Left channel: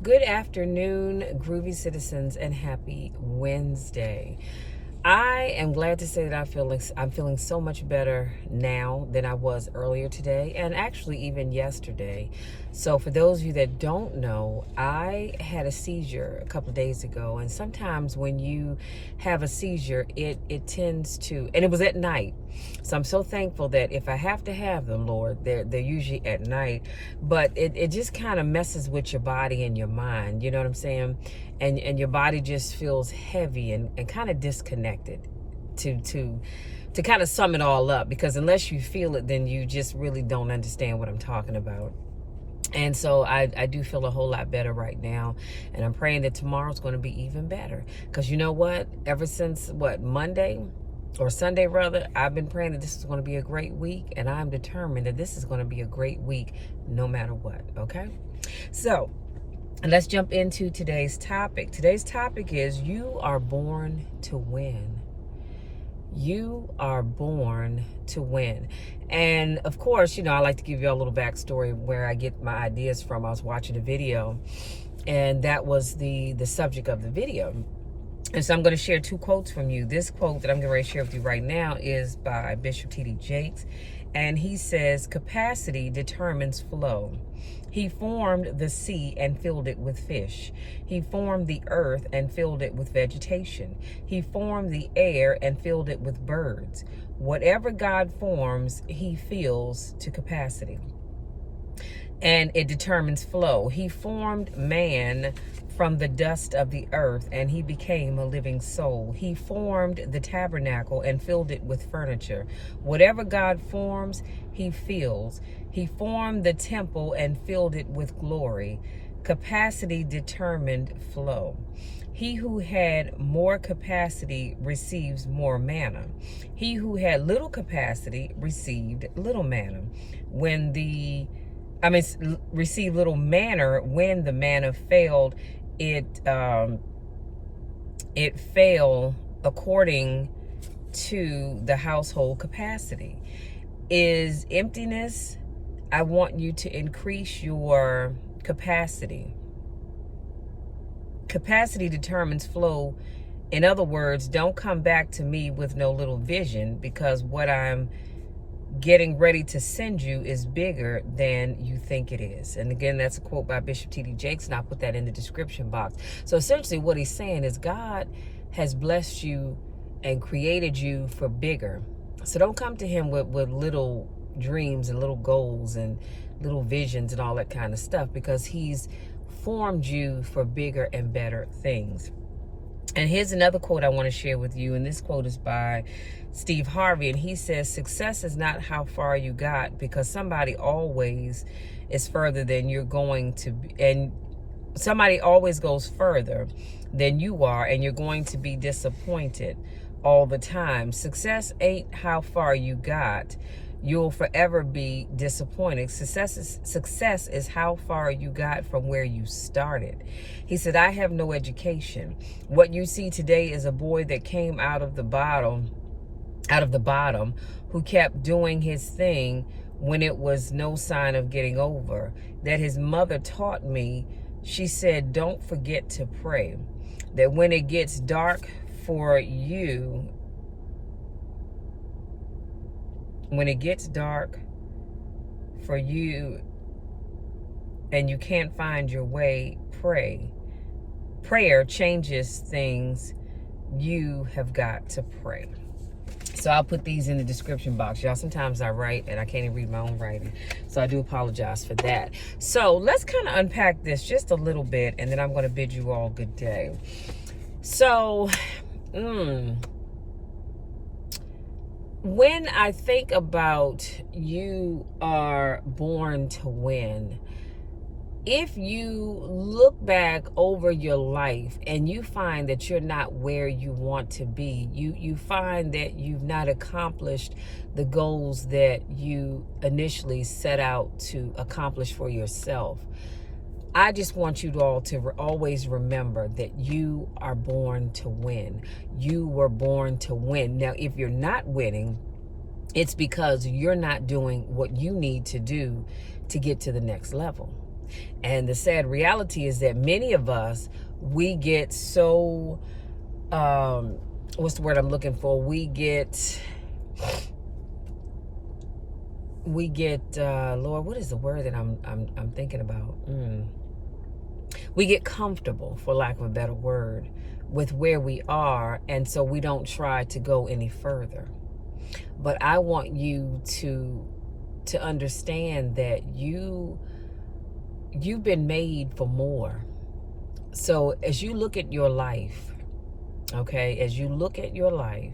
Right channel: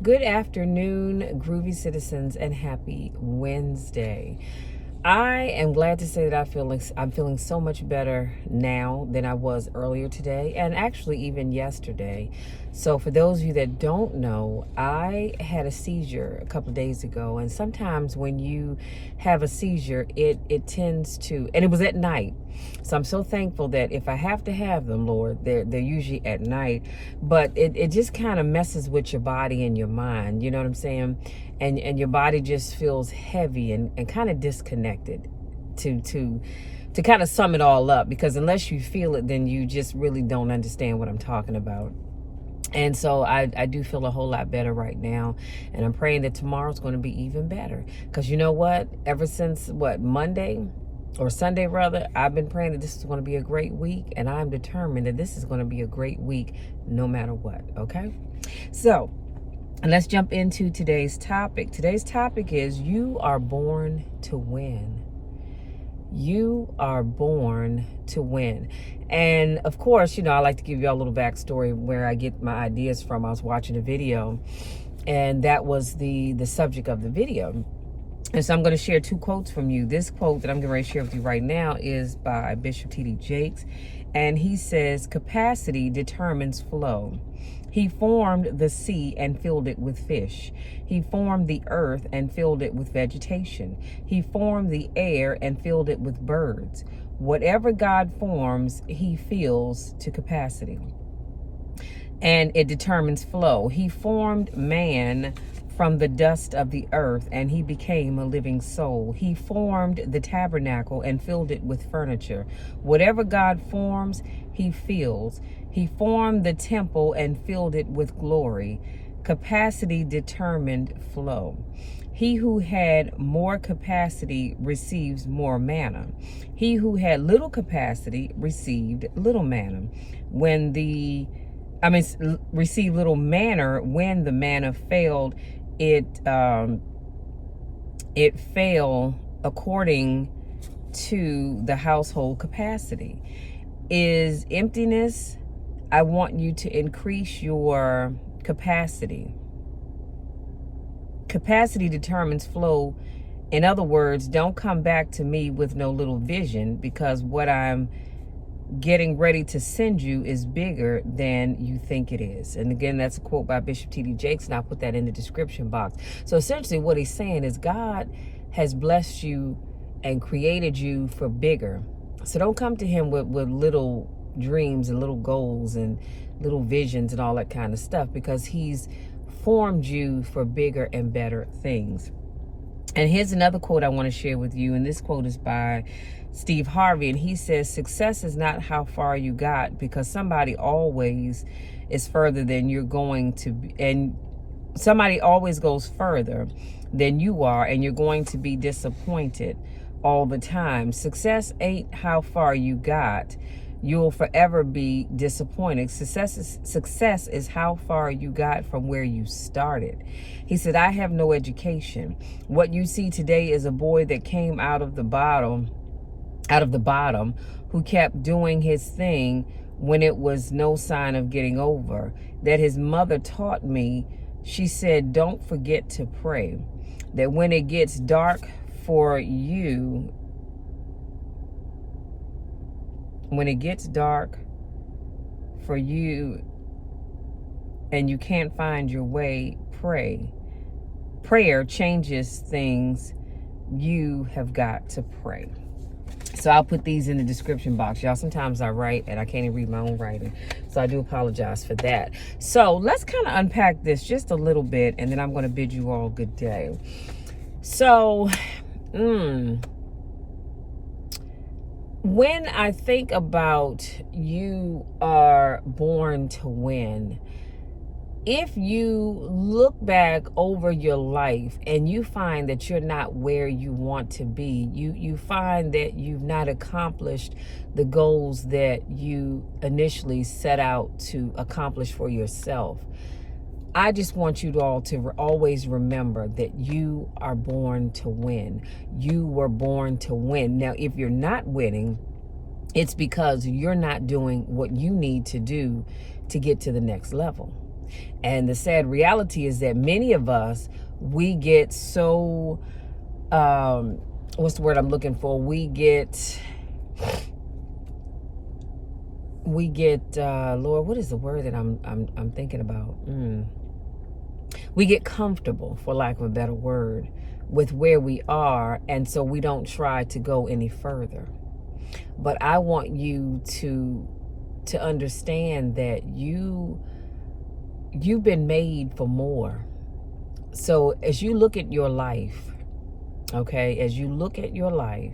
Good afternoon, groovy citizens, and happy Wednesday. I am glad to say that I'm feeling so much better now than I was earlier today, and actually even yesterday. So for those of you that don't know, I had a seizure a couple of days ago, and sometimes when you have a seizure, it tends to, and it was at night. So I'm so thankful that if I have to have them, Lord, they're usually at night, but it just kind of messes with your body and your mind, you know what I'm saying? And your body just feels heavy and kind of disconnected to kind of sum it all up, because unless you feel it, then you just really don't understand what I'm talking about. And so I do feel a whole lot better right now, and I'm praying that tomorrow's going to be even better, because you know what, ever since Monday or Sunday rather, I've been praying that this is going to be a great week, and I'm determined that this is going to be a great week no matter what. Okay, so let's jump into today's topic. Today's topic is you are born to win. You are born to win. And of course, I like to give you all a little backstory where I get my ideas from. I was watching a video, and that was the subject of the video. And so I'm going to share two quotes from you. This quote that I'm going to share with you right now is by Bishop T.D. Jakes. And he says, capacity determines flow. He formed the sea and filled it with fish. He formed the earth and filled it with vegetation. He formed the air and filled it with birds. Whatever God forms, he fills to capacity. And it determines flow. He formed man from the dust of the earth, and he became a living soul. He formed the tabernacle and filled it with furniture. Whatever God forms, he fills. He formed the temple and filled it with glory. Capacity determined flow. He who had more capacity receives more manna. He who had little capacity received little manna. Received little manna when the manna failed. It fell according to the household capacity. Is emptiness? I want you to increase your capacity. Capacity determines flow. In other words, don't come back to me with no little vision, because what I'm getting ready to send you is bigger than you think it is. And again, that's a quote by Bishop T.D. Jakes, and I'll put that in the description box. So essentially what he's saying is God has blessed you and created you for bigger. So don't come to him with little dreams and little goals and little visions and all that kind of stuff, because he's formed you for bigger and better things. And here's another quote I want to share with you, and this quote is by Steve Harvey, and he says, success is not how far you got, because somebody always is further than you're going to be, and somebody always goes further than you are, and you're going to be disappointed all the time. Success ain't how far you got. You'll forever be disappointed. Success is how far you got from where you started. He said, I have no education. What you see today is a boy that came out of the bottom, who kept doing his thing when it was no sign of getting over. That his mother taught me. She said, don't forget to pray. That when it gets dark for you, and you can't find your way, pray. Prayer changes things. You have got to pray. So I'll put these in the description box. Y'all, sometimes I write and I can't even read my own writing. So I do apologize for that. So let's kind of unpack this just a little bit, and then I'm going to bid you all good day. So, when I think about you are born to win, if you look back over your life and you find that you're not where you want to be, you find that you've not accomplished the goals that you initially set out to accomplish for yourself, I just want you all to always remember that you are born to win. You were born to win. Now, if you're not winning, it's because you're not doing what you need to do to get to the next level. And the sad reality is that many of us, we get so, what's the word I'm looking for? We get, Lord, what is the word that I'm thinking about? We get comfortable, for lack of a better word, with where we are, and so we don't try to go any further. But I want you to understand that you've been made for more. So as you look at your life, okay, as you look at your life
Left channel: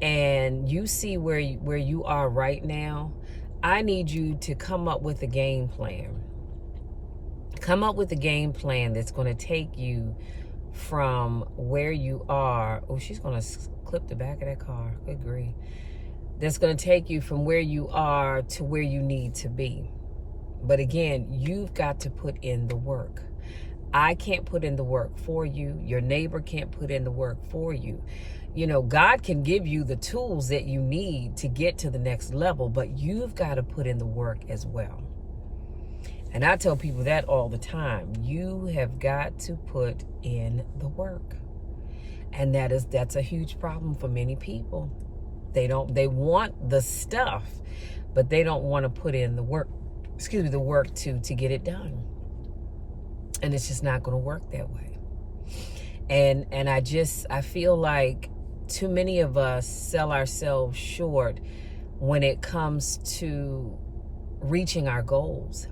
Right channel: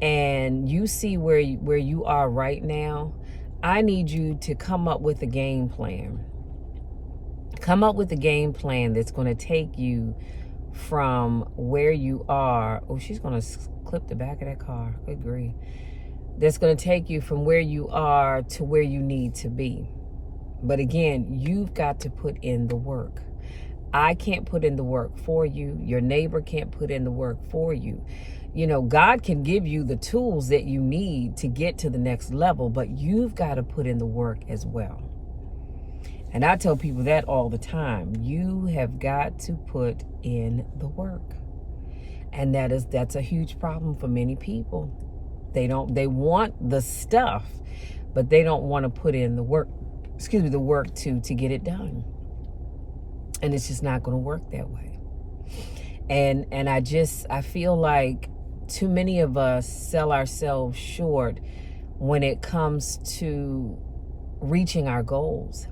and you see where you are right now, I need you to come up with a game plan. Come up with a game plan that's going to take you from where you are. Oh, she's going to clip the back of that car. Good grief. That's going to take you from where you are to where you need to be. But again, you've got to put in the work. I can't put in the work for you. Your neighbor can't put in the work for you. You know, God can give you the tools that you need to get to the next level, but you've got to put in the work as well. And I tell people that all the time. You have got to put in the work. And that's a huge problem for many people. They want the stuff, but they don't want to put in the work, the work to get it done. And it's just not going to work that way. And I feel like too many of us sell ourselves short when it comes to reaching our goals.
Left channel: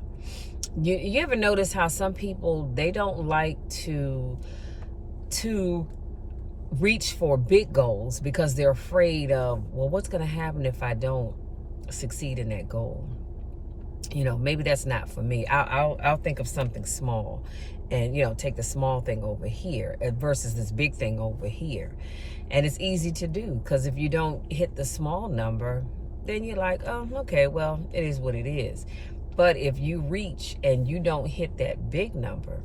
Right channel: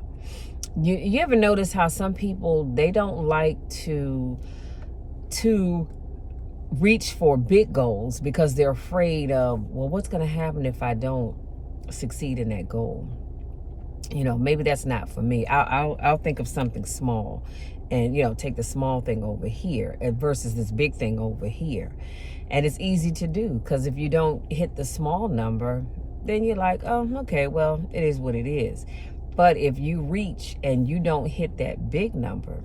You ever notice how some people, they don't like to reach for big goals because they're afraid of, well, what's going to happen if I don't succeed in that goal? You know, maybe that's not for me. I'll think of something small and, you know, take the small thing over here versus this big thing over here. And it's easy to do because if you don't hit the small number, then you're like, oh, okay, well, it is what it is. But if you reach and you don't hit that big number,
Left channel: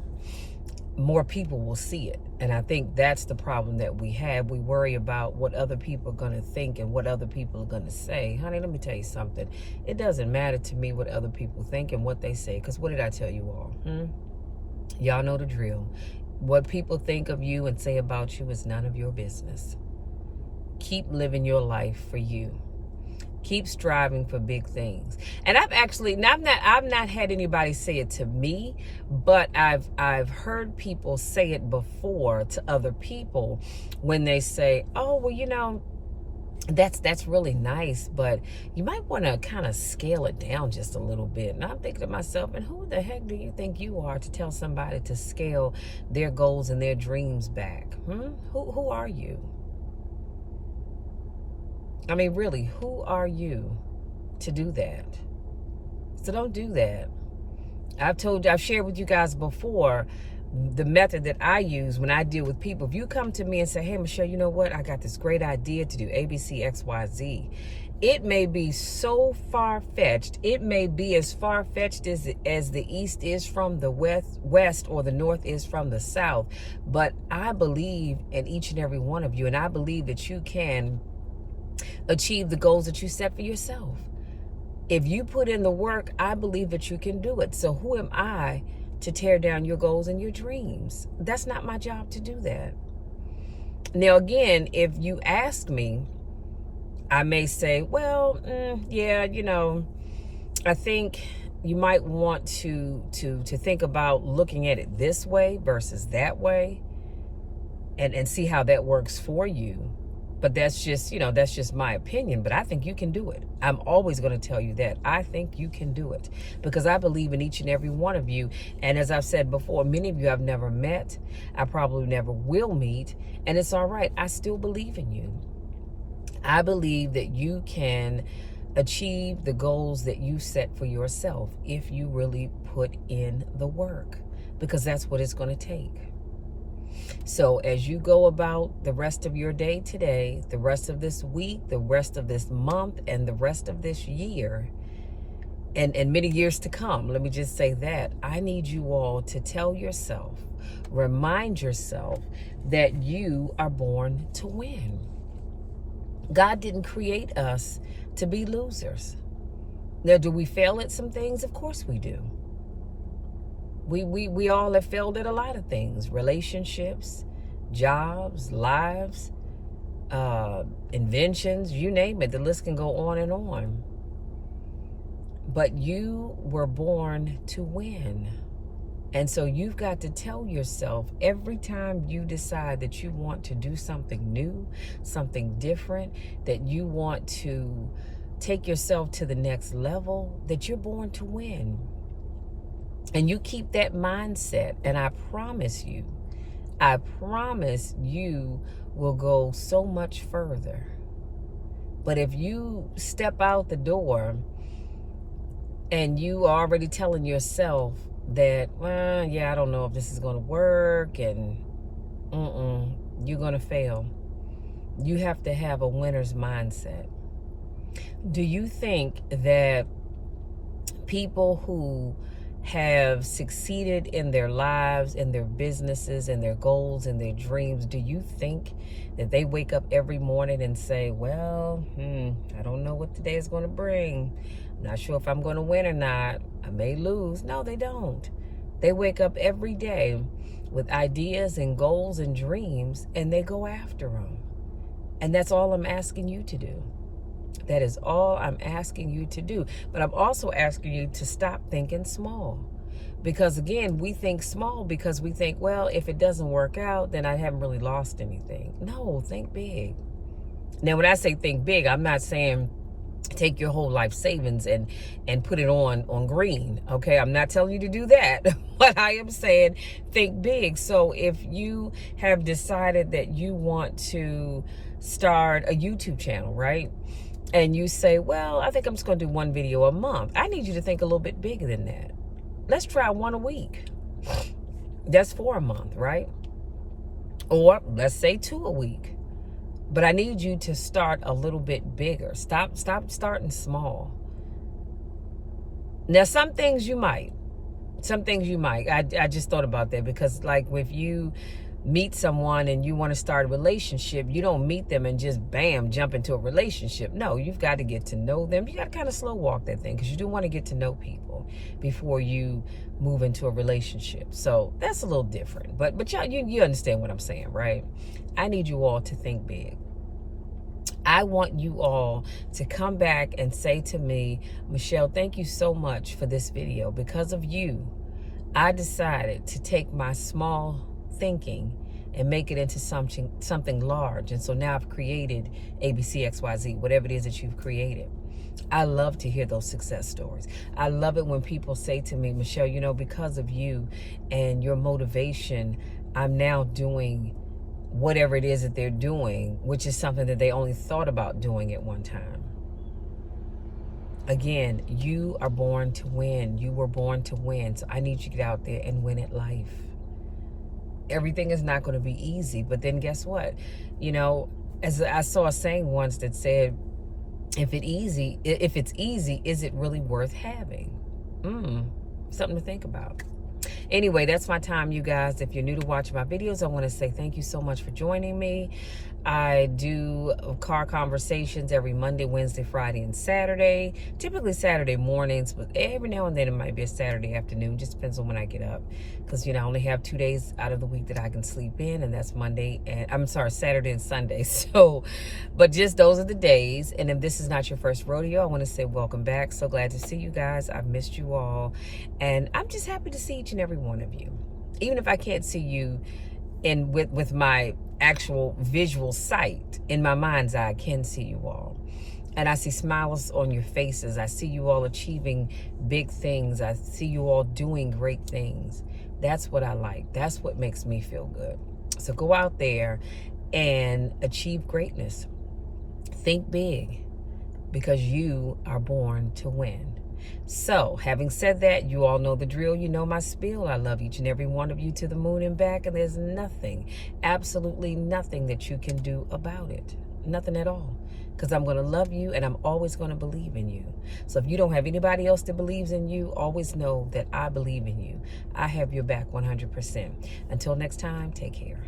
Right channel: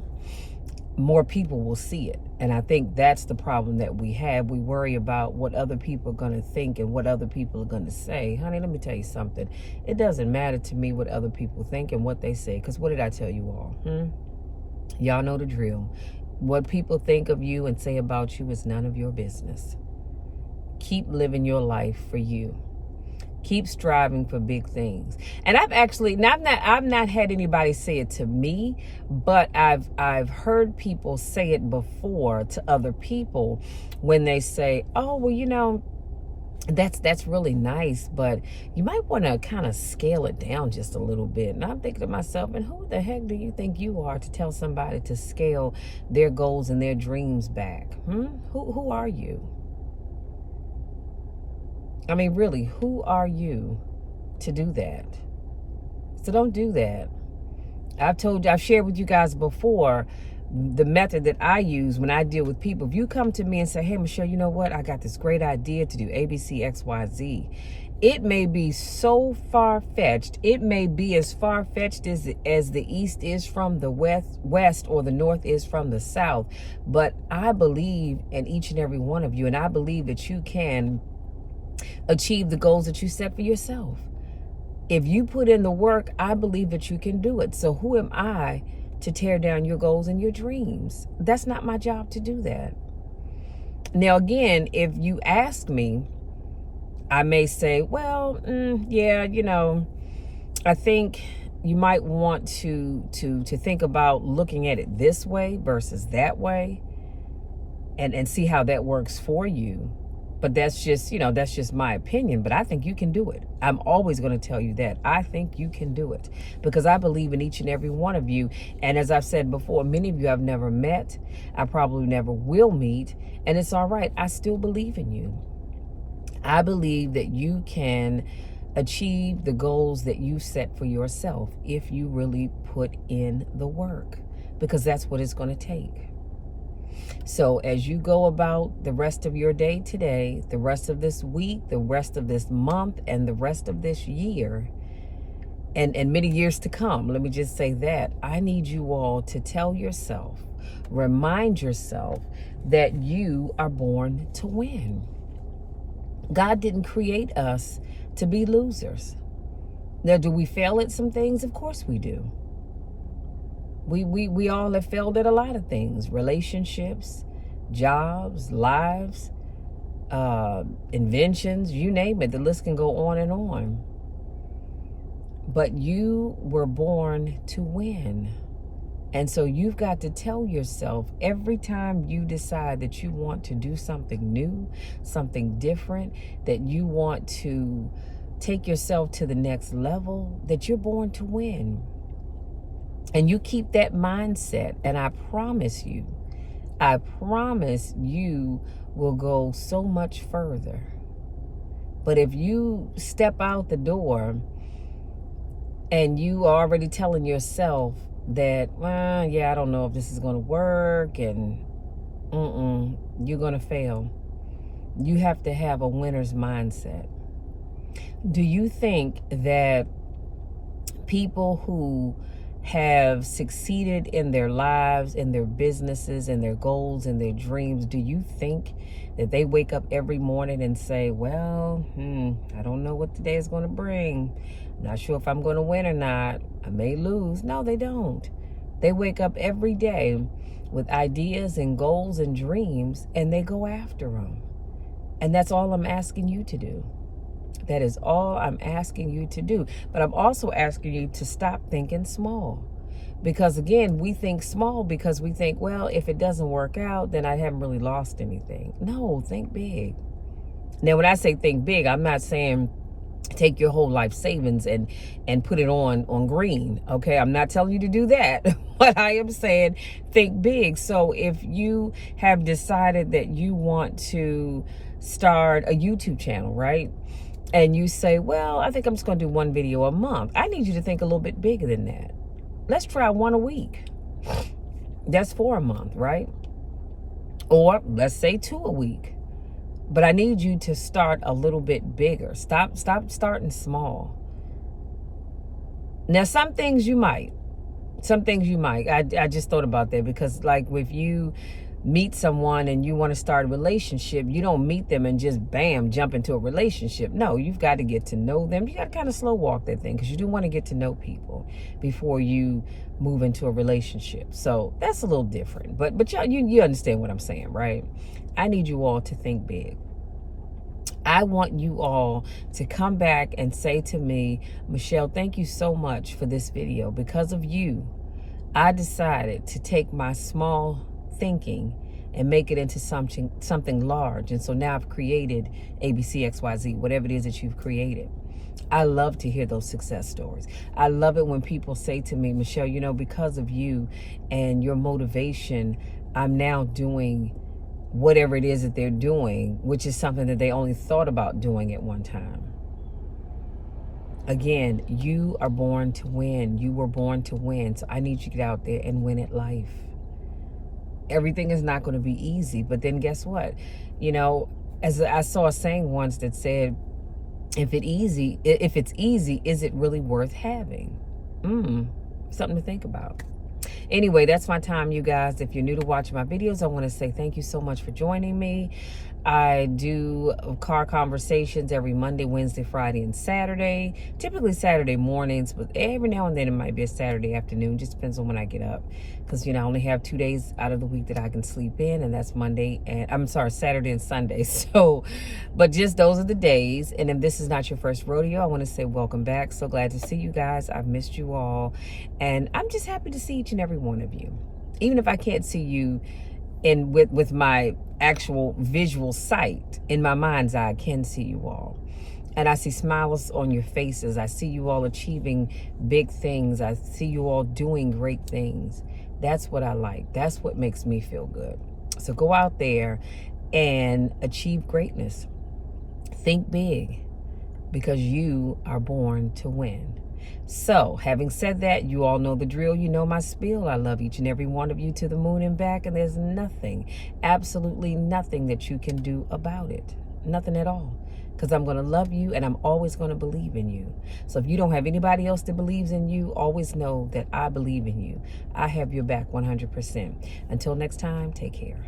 more people will see it. And I think that's the problem that we have. We worry about what other people are going to think and what other people are going to say. Honey, let me tell you something. It doesn't matter to me what other people think and what they say. Because what did I tell you all? Y'all know the drill. What people think of you and say about you is none of your business. Keep living your life for you. Keep striving for big things. And I've not had anybody say it to me, but I've heard people say it before to other people when they say, oh, well, you know, that's really nice, but you might want to kind of scale it down just a little bit. And I'm thinking to myself, and who the heck do you think you are to tell somebody to scale their goals and their dreams back? Who are you? I mean, really, who are you to do that? So don't do that. I've shared with you guys before the method that I use when I deal with people. If you come to me and say, hey, Michelle, you know what? I got this great idea to do A, B, C, X, Y, Z. It may be so far-fetched. It may be as far-fetched as the East is from the West or the North is from the South. But I believe in each and every one of you, and I believe that you can achieve the goals that you set for yourself. If you put in the work, I believe that you can do it. So who am I to tear down your goals and your dreams? That's not my job to do that. Now, again, if you ask me, I may say, well, yeah, you know, I think you might want to think about looking at it this way versus that way and see how that works for you. But that's just, you know, that's just my opinion. But I think you can do it. I'm always going to tell you that. I think you can do it because I believe in each and every one of you. And as I've said before, many of you I've never met. I probably never will meet. And it's all right. I still believe in you. I believe that you can achieve the goals that you set for yourself if you really put in the work, because that's what it's going to take. So as you go about the rest of your day today, the rest of this week, the rest of this month, and the rest of this year, and many years to come, let me just say that, I need you all to tell yourself, remind yourself that you are born to win. God didn't create us to be losers. Now, do we fail at some things? Of course we do. We all have failed at a lot of things: relationships, jobs, lives, inventions, you name it. The list can go on and on. But you were born to win. And so you've got to tell yourself every time you decide that you want to do something new, something different, that you want to take yourself to the next level, that you're born to win. And you keep that mindset, and I promise you will go so much further. But if you step out the door and you are already telling yourself that, well, yeah, I don't know if this is going to work, and you're going to fail. You have to have a winner's mindset. Do you think that people who have succeeded in their lives, in their businesses, in their goals, in their dreams, do you think that they wake up every morning and say, well, I don't know what today is going to bring. Not sure if I'm going to win or not. I may lose. No, they don't. They wake up every day with ideas and goals and dreams, and they go after them. And that's all I'm asking you to do. That is all I'm asking you to do. But I'm also asking you to stop thinking small. Because again, we think small because we think, well, if it doesn't work out, then I haven't really lost anything. No, think big. Now, when I say think big, I'm not saying take your whole life savings and put it on green. Okay, I'm not telling you to do that. But I am saying think big. So if you have decided that you want to start a YouTube channel, right? And you say, well, I think I'm just going to do one video a month. I need you to think a little bit bigger than that. Let's try one a week. That's 4 a month, right? Or let's say 2 a week. But I need you to start a little bit bigger. Stop starting small. Now, some things you might. I just thought about that because, like, if you meet someone and you want to start a relationship, you don't meet them and just bam, jump into a relationship. No, you've got to get to know them. You got to kind of slow walk that thing because you do want to get to know people before you move into a relationship. So that's a little different. But y'all, you understand what I'm saying, right? I need you all to think big. I want you all to come back and say to me, Michelle, thank you so much for this video. Because of you, I decided to take my small thinking and make it into something large. And so now I've created ABCXYZ, whatever it is that you've created. I love to hear those success stories. I love it when people say to me, Michelle, because of you and your motivation, I'm now doing whatever it is that they're doing, which is something that they only thought about doing at one time. Again, you are born to win. You were born to win. So I need you to get out there and win at life. Everything is not going to be easy, but then guess what? As I saw a saying once that said, if it's easy, is it really worth having? Something to think about. Anyway, that's my time, you guys. If you're new to watching my videos, I want to say thank you so much for joining me. I do car conversations every Monday, Wednesday, Friday, and Saturday. Typically Saturday mornings, but every now and then it might be a Saturday afternoon. Just depends on when I get up. Because, I only have 2 days out of the week that I can sleep in, and that's Saturday and Sunday. So, but just those are the days. And if this is not your first rodeo, I want to say welcome back. So glad to see you guys. I've missed you all. And I'm just happy to see each and every one of you. Even if I can't see you with my actual visual sight, in my mind's eye, I can see you all. And I see smiles on your faces. I see you all achieving big things. I see you all doing great things. That's what I like. That's what makes me feel good. So go out there and achieve greatness. Think big, because you are born to win. So, having said that, you all know the drill. You know my spiel. I love each and every one of you to the moon and back, and there's nothing, absolutely nothing that you can do about it. Nothing at all. Because I'm going to love you, and I'm always going to believe in you. So if you don't have anybody else that believes in you, always know that I believe in you. I have your back 100%. Until next time, take care.